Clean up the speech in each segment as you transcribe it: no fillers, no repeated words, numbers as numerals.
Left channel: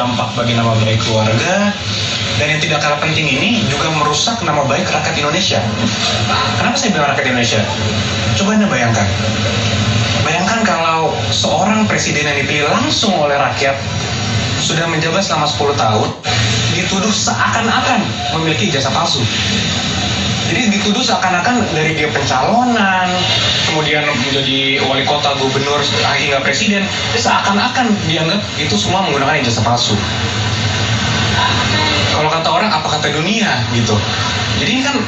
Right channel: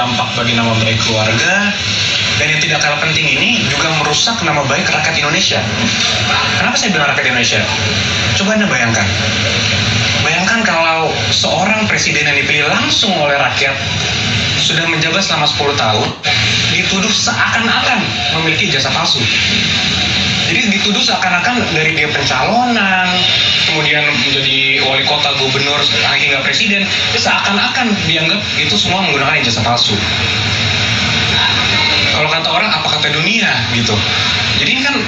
berdampak bagi nama baik keluarga, dan yang tidak kalah penting ini juga merusak nama baik rakyat Indonesia. Kenapa saya bilang rakyat Indonesia? Coba Anda bayangkan. Bayangkan kalau seorang presiden yang dipilih langsung oleh rakyat sudah menjabat selama 10 tahun, dituduh seakan-akan memiliki ijazah palsu. Jadi dituduh seakan-akan dari dia pencalonan, kemudian menjadi wali kota, gubernur, hingga presiden, seakan-akan dianggap itu semua menggunakan ijazah palsu. Kalau kata orang, apa kata dunia gitu. Jadi ini kan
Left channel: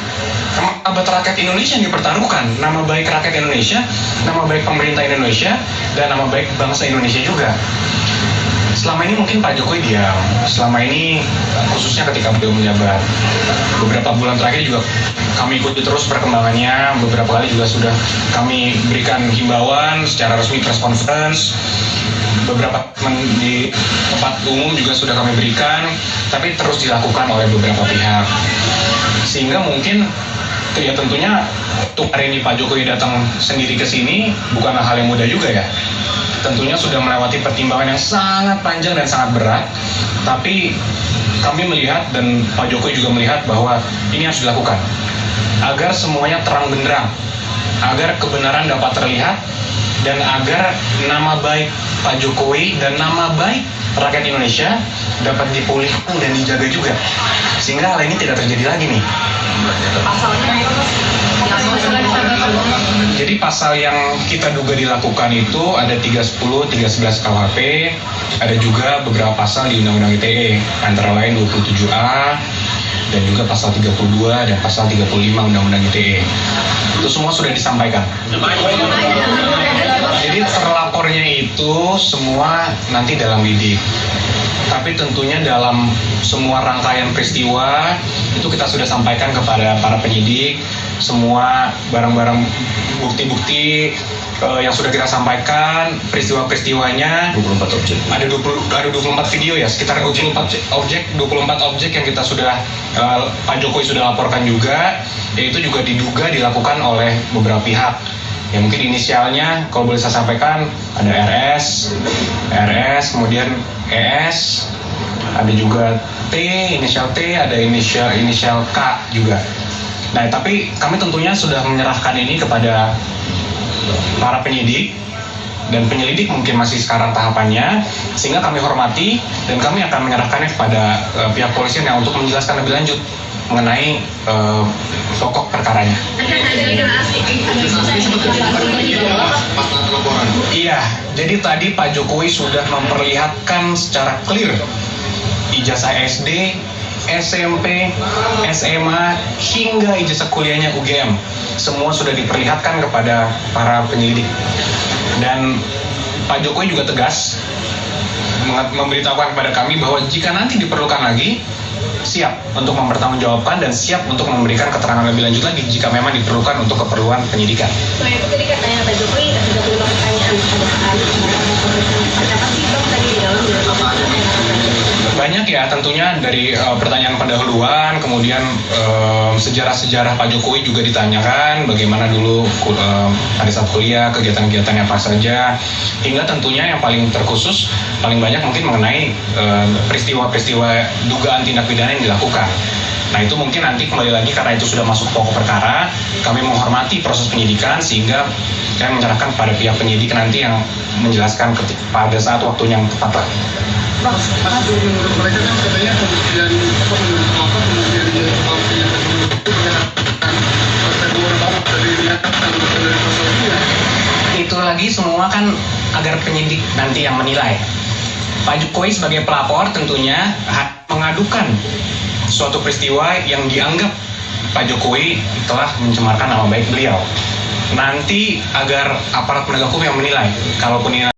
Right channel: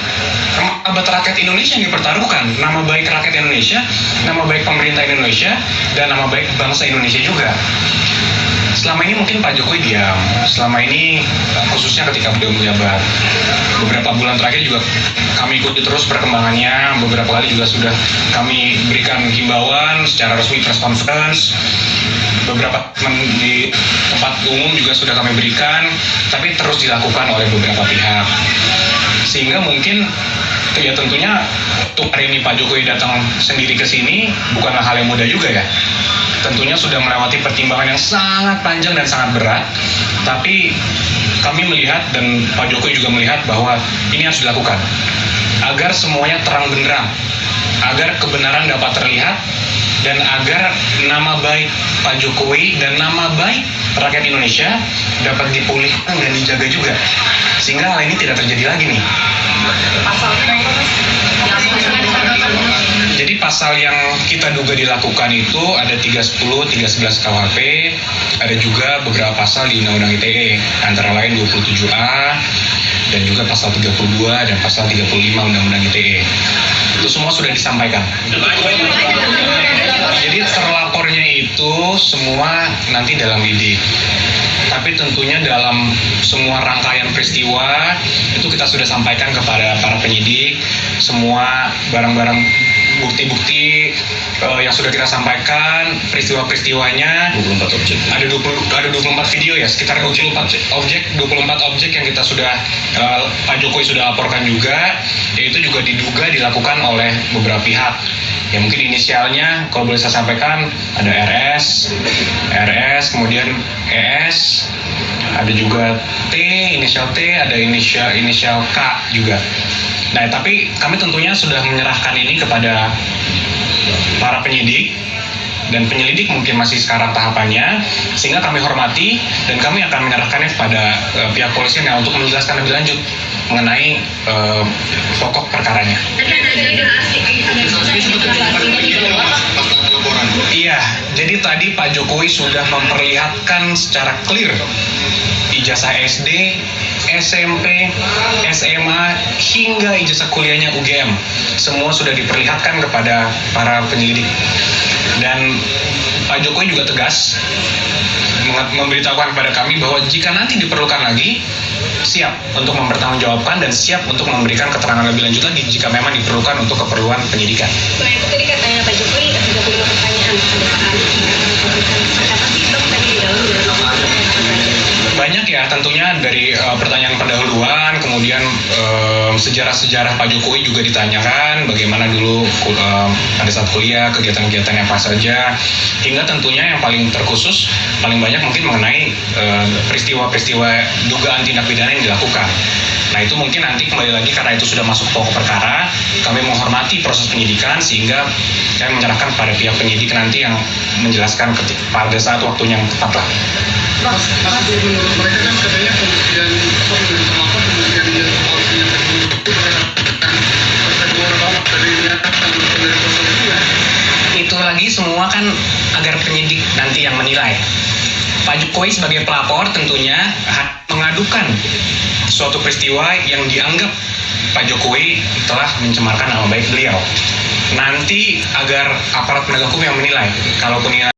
martabat rakyat Indonesia yang dipertaruhkan, nama baik rakyat Indonesia, nama baik pemerintah Indonesia, dan nama baik bangsa Indonesia juga. Selama ini mungkin Pak Jokowi diam, selama ini khususnya ketika beliau menjabat. Beberapa bulan terakhir juga kami ikuti terus perkembangannya, beberapa kali juga sudah kami berikan himbauan secara resmi press conference, beberapa di tempat umum juga sudah kami berikan, tapi terus dilakukan oleh beberapa pihak. Sehingga mungkin ya tentunya untuk hari ini Pak Jokowi datang sendiri ke sini bukanlah hal yang mudah juga ya. Tentunya sudah melewati pertimbangan yang sangat panjang dan sangat berat, tapi kami melihat dan Pak Jokowi juga melihat bahwa ini harus dilakukan agar semuanya terang benderang, agar kebenaran dapat terlihat, dan agar nama baik Pak Jokowi dan nama baik rakyat Indonesia dapat dipulihkan dan dijaga juga, sehingga hal ini tidak terjadi lagi nih. Jadi pasal yang kita duga dilakukan itu ada 310, 311 KUHP, ada juga beberapa pasal di Undang-Undang ITE, antara lain 27A, dan juga pasal 32 dan pasal 35 Undang-Undang ITE. Itu semua sudah disampaikan. Jadi terlapornya itu semua nanti dalam lidik. Tapi tentunya dalam semua rangkaian peristiwa itu kita sudah sampaikan kepada para penyidik semua barang-barang bukti-bukti yang sudah kita sampaikan, peristiwa-peristiwanya 24 objek. Ada 24 video ya, sekitar 24 objek yang kita sudah Pak Jokowi sudah laporkan juga, yaitu juga diduga dilakukan oleh beberapa pihak. Ya mungkin inisialnya kalau boleh saya sampaikan ada RS, kemudian ES, ada juga T, inisial T, ada inisial K juga. Nah, tapi kami tentunya sudah menyerahkan ini kepada para penyidik, dan penyelidik mungkin masih sekarang tahapannya, sehingga kami hormati dan kami akan menyerahkannya kepada pihak polisian untuk menjelaskan lebih lanjut mengenai pokok perkaranya. Iya, jadi tadi Pak Jokowi sudah memperlihatkan secara clear ijazah SD, SMP, SMA, hingga ijazah kuliahnya UGM. Semua sudah diperlihatkan kepada para penyelidik. Dan Pak Jokowi juga tegas memberitahukan kepada kami bahwa jika nanti diperlukan lagi, siap untuk mempertanggungjawabkan dan siap untuk memberikan keterangan lebih lanjut lagi jika memang diperlukan untuk keperluan penyidikan. Selain itu tadi katanya Pak Jokowi ada beberapa pertanyaan pada Pak Ali. Apa sih Bang tadi di dalam banyak ya, tentunya dari pertanyaan pendahuluan, kemudian sejarah-sejarah Pak Jokowi juga ditanyakan, bagaimana dulu pada saat kuliah, kegiatan-kegiatannya apa saja, hingga tentunya yang paling terkhusus, paling banyak mungkin mengenai peristiwa-peristiwa dugaan tindak pidana yang dilakukan. Nah itu mungkin nanti kembali lagi karena itu sudah masuk pokok perkara, kami menghormati proses penyidikan sehingga kami menyerahkan pada pihak penyidik nanti yang menjelaskan pada saat waktunya yang tepat. Menurut mereka kan katanya kemudian itu lagi semua kan agar penyidik nanti yang menilai. Pak Jokowi sebagai pelapor tentunya mengadukan suatu peristiwa yang dianggap Pak Jokowi telah mencemarkan nama baik beliau. Nanti agar aparat penegak hukum yang menilai, kalaupun ini